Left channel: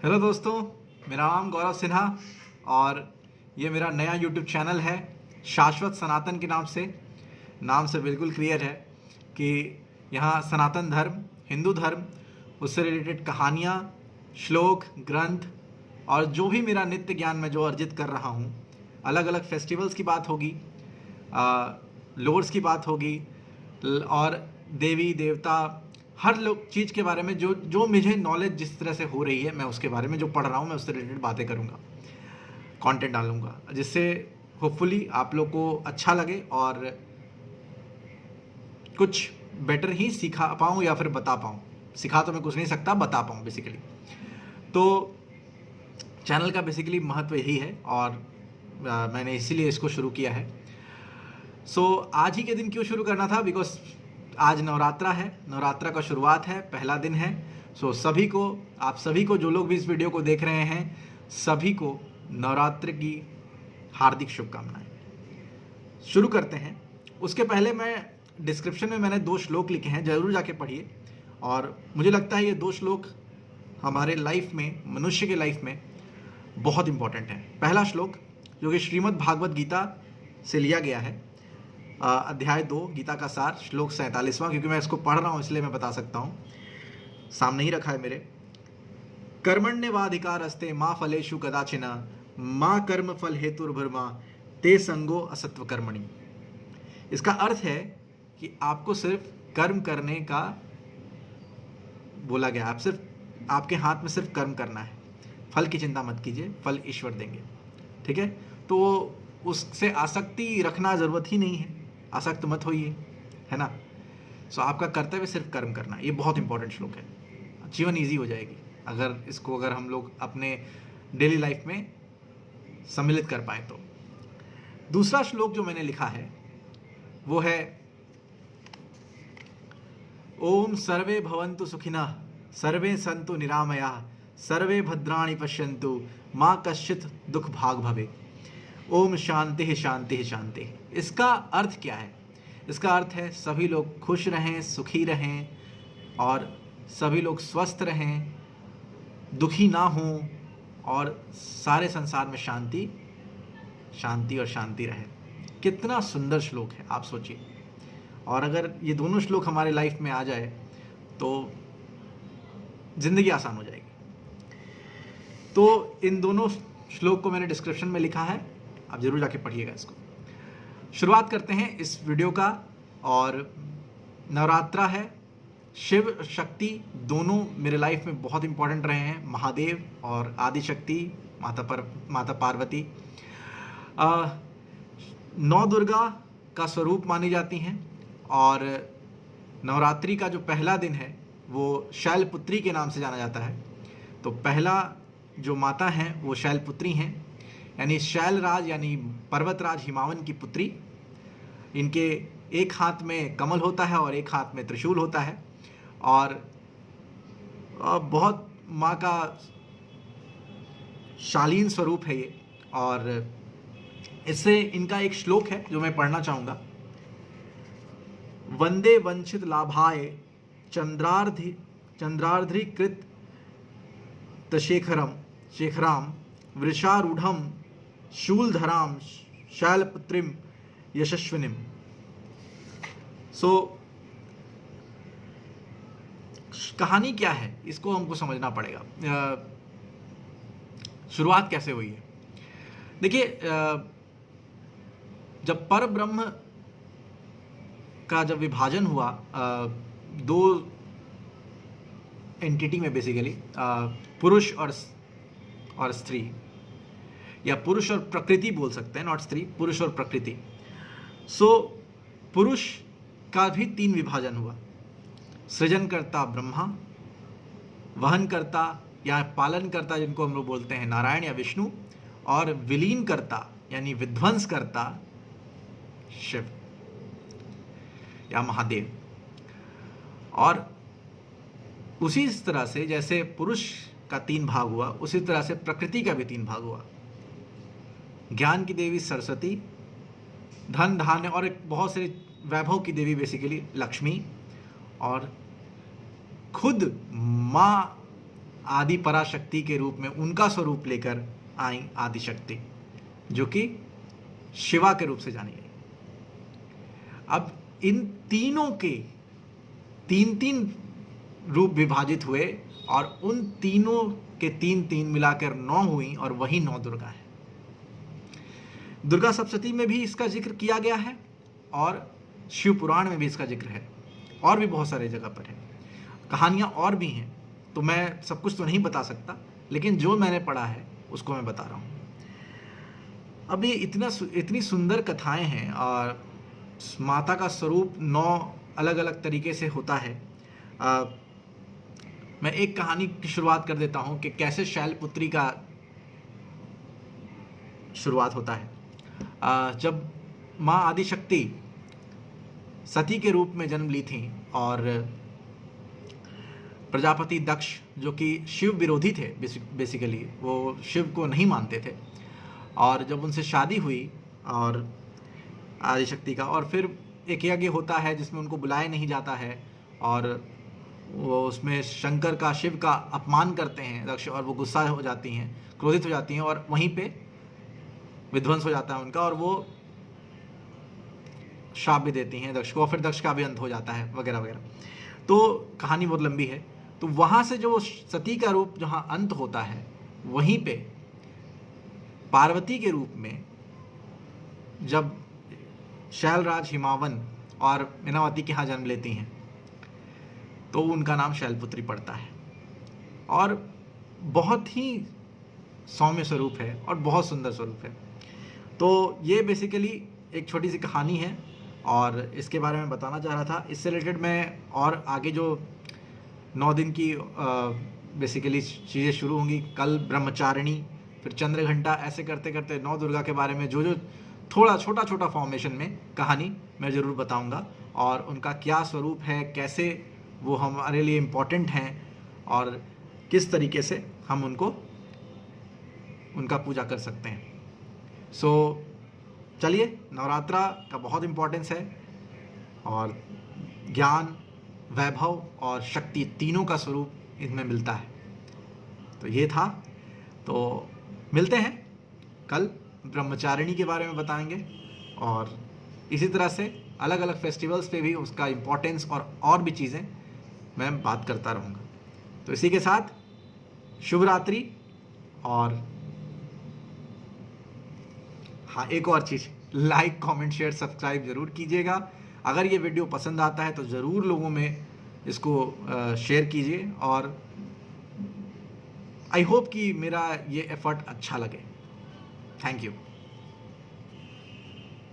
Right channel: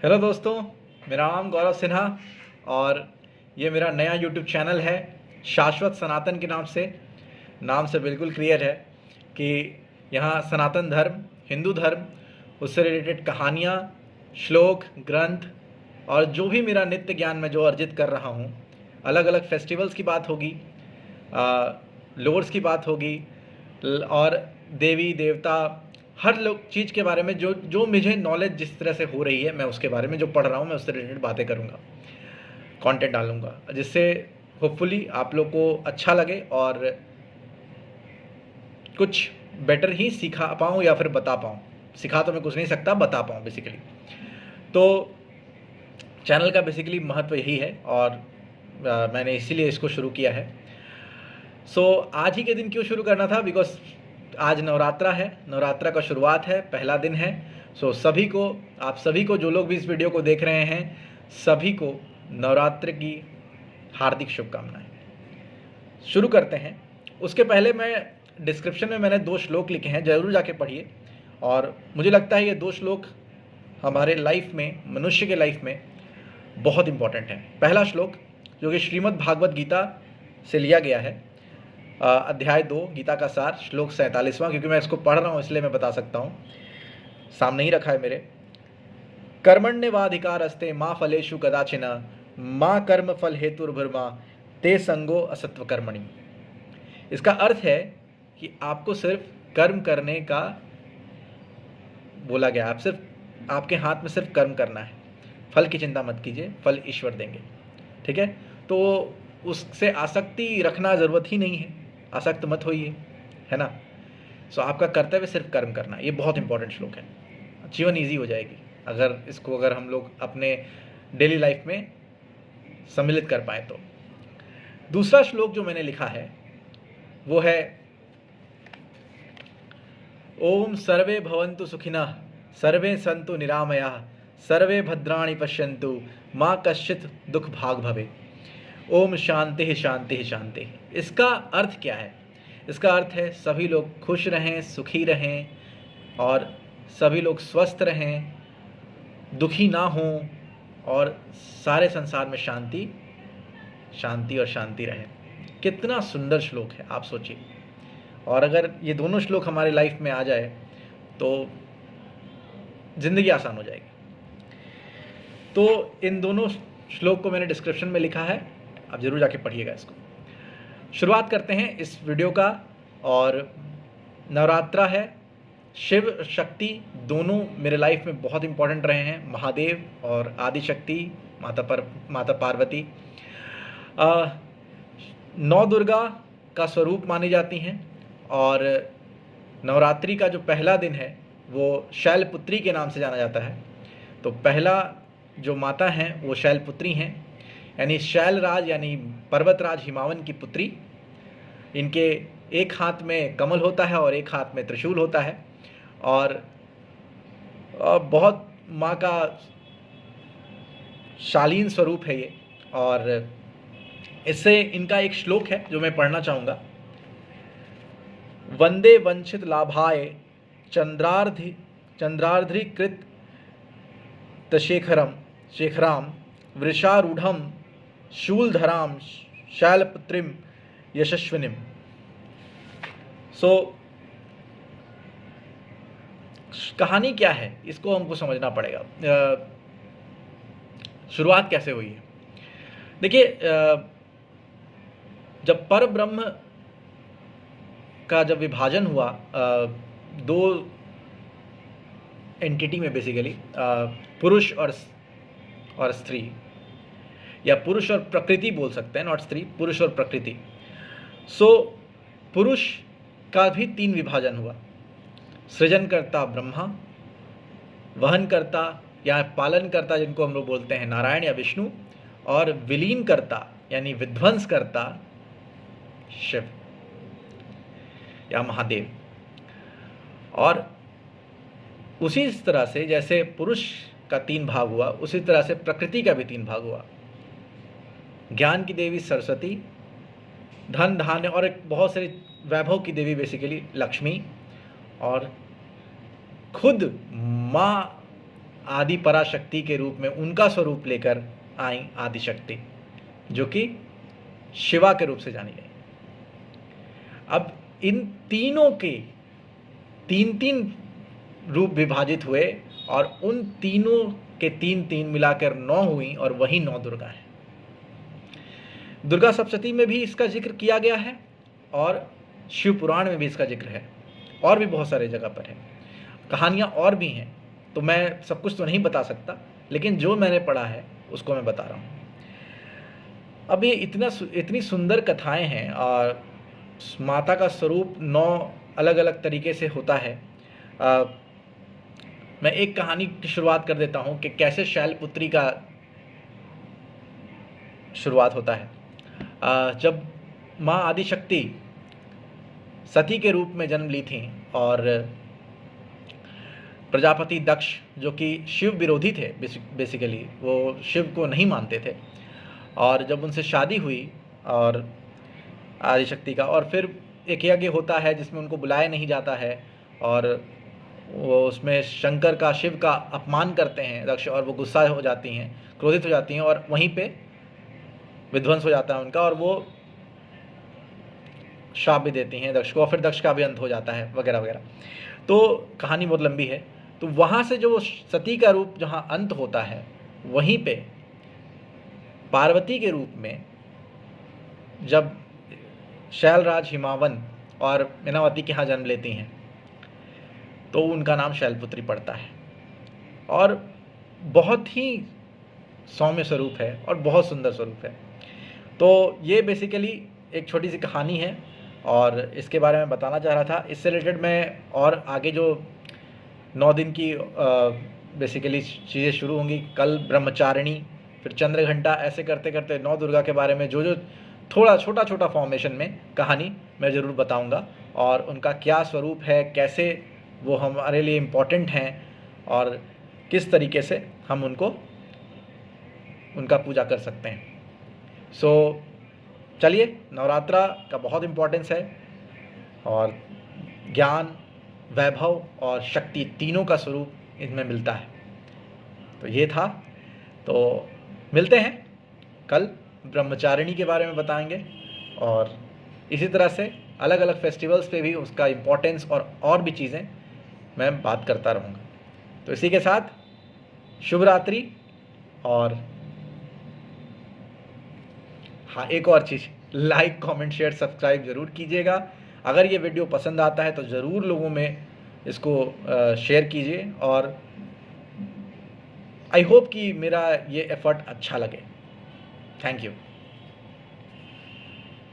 Hello दोस्तों, मेरा नाम गौरव सिन्हा और ये मेरा नया यूट्यूब चैनल है शाश्वत सनातन के नाम से। नाम से बिल्कुल क्लियर है कि यहाँ सनातन धर्म, हिंदू धर्म, उससे रिलेटेड कहानियाँ, श्लोक, ग्रंथ और जो भी मेरा नित्य ज्ञान में जो अर्जित कर रहा हूँ, अलग अलग फेस्टिवल्स की बात होगी, लोर्ड्स की बात होगी और देवी देवता, हर लोग चीज़ के बारे में जो जो मुझे नॉलेज जिस तरह से हो रही है, मैं उसके बारे में जो पढ़ रहा हूँ मैं उससे रिलेटेड बातें करूँगा, कंटेंट डालूँगा, जिससे होपफुली आप लोग को अच्छा लगे और कुछ बेटर ही सिखा पाऊँ या फिर बता पाऊँ। सिखा तो मैं कुछ नहीं सकता, बता पाऊँ बेसिकली। तो चैनल का बेसिकली महत्व यही है और मैंने इसीलिए इसको शुरू किया है। आज ही के दिन क्यों शुरू करना था? बिकॉज आज नवरात्रा है, नवरात्रा का शुरुआत है, पहला दिन है। सभी को, आप सभी को, जो लोग भी इस वीडियो को देख रहे हैं, सभी को नवरात्र की हार्दिक शुभकामनाएं। शुरू करते हैं। उसके पहले मैं डिस्क्रिप्शन में मैंने 2 श्लोक लिखे हैं, ज़रूर जाके पढ़िए। और मुझे लगता है ये 2 श्लोक हमारे लाइफ में, मनुष्य के लाइफ में बहुत इंपॉर्टेंट है। पहला श्लोक जो कि श्रीमद् भागवत गीता से लिया गया है, अध्याय 2, गीता का सार, श्लोक 47वां, क्योंकि मैं इसको पढ़ रहा हूँ इसलिए मैं बता सकता हूँ, सामने ही रखा है मेरे। कर्मण्येवाधिकारस्ते मा फलेषु कदाचन माँ कर्म फल हेतुर्भर्मा ते संगो असत्व कर्मणि। इसका अर्थ है कि आपको सिर्फ कर्म करने का बोला गया, आप सिर्फ, आपके हाथ में सिर्फ कर्म करना है, फल की चिंता मत कीजिए, फल ईश्वर देंगे। ठीक है, तो उससे आसक्ति रखना ज़रूरत ही नहीं है, आसक्त मत होइए, है ना। आपका कर्तव्य सिर्फ कर्म करना, ये बहुत इंपॉर्टेंट श्लोक है। जीवन ईजी हो जाएगी अगर हम लोग अपने डेली लाइफ में सम्मिलित कर पाए तो। दूसरा श्लोक जो मैंने लिखा है वो है ओम सर्वे भवन्तु सुखिनः सर्वे सन्तु निरामयाः सर्वे भद्राणि पश्यन्तु माँ कश्चित् दुख भाग भवे। ओम शांति शांति शांति। इसका अर्थ क्या है? इसका अर्थ है सभी लोग खुश रहें, सुखी रहें और सभी लोग स्वस्थ रहें, दुखी ना हों और सारे संसार में शांति शांति और शांति रहे। कितना सुंदर श्लोक है, आप सोचिए। और अगर ये दोनों श्लोक हमारे लाइफ में आ जाए तो ज़िंदगी आसान हो जाएगी। तो इन दोनों श्लोक को मैंने डिस्क्रिप्शन में लिखा है, आप ज़रूर जाके पढ़िएगा इसको। शुरुआत करते हैं इस वीडियो का। और नवरात्रा है, शिव शक्ति दोनों मेरे लाइफ में बहुत इंपॉर्टेंट रहे हैं, महादेव और आदि शक्ति माता पार्वती। 9 दुर्गा का स्वरूप मानी जाती हैं और नवरात्रि का जो पहला दिन है वो शैलपुत्री के नाम से जाना जाता है। तो पहला जो माता हैं वो शैलपुत्री हैं, यानी शैलराज यानी पर्वतराज हिमावन की पुत्री। इनके एक हाथ में कमल होता है और एक हाथ में त्रिशूल होता है और बहुत माँ का शालीन स्वरूप है ये। और इससे इनका एक श्लोक है जो मैं पढ़ना चाहूँगा। वंदे वंचित लाभाय चंद्रार्धीकृत शेखराम वृषारूढ़म शूलधराम शैलपुत्रीम यशस्विनीम। कहानी क्या है इसको हमको समझना पड़ेगा। शुरुआत कैसे हुई है? देखिए, जब पर ब्रह्म का जब विभाजन हुआ 2 एंटिटी में, बेसिकली पुरुष और स्त्री, या पुरुष और प्रकृति बोल सकते हैं, नॉट स्त्री, पुरुष और प्रकृति। पुरुष का भी 3 विभाजन हुआ। सृजनकर्ता ब्रह्मा, वहनकर्ता या पालनकर्ता जिनको हम लोग बोलते हैं नारायण या विष्णु, और विलीनकर्ता यानी विध्वंसकर्ता शिव या महादेव। और उसी तरह से जैसे पुरुष का 3 भाग हुआ, उसी तरह से प्रकृति का भी 3 भाग हुआ। ज्ञान की देवी सरस्वती, धन धान्य और एक बहुत सारे वैभव की देवी बेसिकली लक्ष्मी, और खुद माँ आदि पराशक्ति के रूप में उनका स्वरूप लेकर आई आदिशक्ति, जो कि शिवा के रूप से जानी गई। अब इन तीनों के तीन तीन रूप विभाजित हुए और उन तीनों के तीन तीन मिलाकर 9 हुई और वही 9 दुर्गा है। दुर्गा सप्तशती में भी इसका जिक्र किया गया है और शिव पुराण में भी इसका जिक्र है, और भी बहुत सारे जगह पर है। कहानियाँ और भी हैं, तो मैं सब कुछ तो नहीं बता सकता, लेकिन जो मैंने पढ़ा है उसको मैं बता रहा हूँ। अब ये इतनी सुंदर कथाएं हैं और माता का स्वरूप 9 अलग अलग तरीके से होता है। मैं एक कहानी की शुरुआत कर देता हूँ कि कैसे शैलपुत्री का शुरुआत होता है। जब माँ आदिशक्ति सती के रूप में जन्म ली थी और प्रजापति दक्ष, जो कि शिव विरोधी थे, बेसिकली वो शिव को नहीं मानते थे, और जब उनसे शादी हुई और आदिशक्ति का, और फिर एक यज्ञ होता है जिसमें उनको बुलाया नहीं जाता है और वो उसमें शंकर का, शिव का अपमान करते हैं दक्ष, और वो गुस्सा हो जाती हैं, क्रोधित हो जाती हैं और वहीं पे विध्वंस हो जाता है उनका, और वो शाप भी देती हैं दक्ष को, और फिर दक्ष का भी अंत हो जाता है वगैरह वगैरह। तो कहानी बहुत लंबी है। तो वहाँ से जो सती का रूप जहाँ अंत होता है, वहीं पे पार्वती के रूप में जब शैलराज हिमावन और मीनावती के यहाँ जन्म लेती हैं, तो उनका नाम शैलपुत्री पड़ता है और बहुत ही सौम्य स्वरूप है और बहुत सुंदर स्वरूप है। तो ये बेसिकली एक छोटी सी कहानी है और इसके बारे में बताना चाह रहा था। इससे रिलेटेड मैं और आगे जो 9 दिन की बेसिकली चीज़ें शुरू होंगी, कल ब्रह्मचारिणी, फिर चंद्रघंटा, ऐसे करते करते 9 दुर्गा के बारे में जो थोड़ा छोटा फॉर्मेशन में कहानी मैं ज़रूर बताऊंगा, और उनका क्या स्वरूप है, कैसे वो हमारे लिए इम्पोर्टेंट हैं और किस तरीके से हम उनका पूजा कर सकते हैं। सो चलिए, नवरात्रा का बहुत इम्पोर्टेंस है और ज्ञान, वैभव और शक्ति तीनों का स्वरूप इनमें मिलता है। तो ये था, तो मिलते हैं कल, ब्रह्मचारिणी के बारे में बताएंगे और इसी तरह से अलग अलग फेस्टिवल्स पे भी उसका इम्पोर्टेंस और भी चीज़ें मैं बात करता रहूँगा। तो इसी के साथ शुभ रात्रि। और हाँ, एक और चीज़, लाइक, कमेंट, शेयर, सब्सक्राइब ज़रूर कीजिएगा। अगर ये वीडियो पसंद आता है तो ज़रूर लोगों में इसको शेयर कीजिए, और आई होप कि मेरा ये एफर्ट अच्छा लगे। Thank you.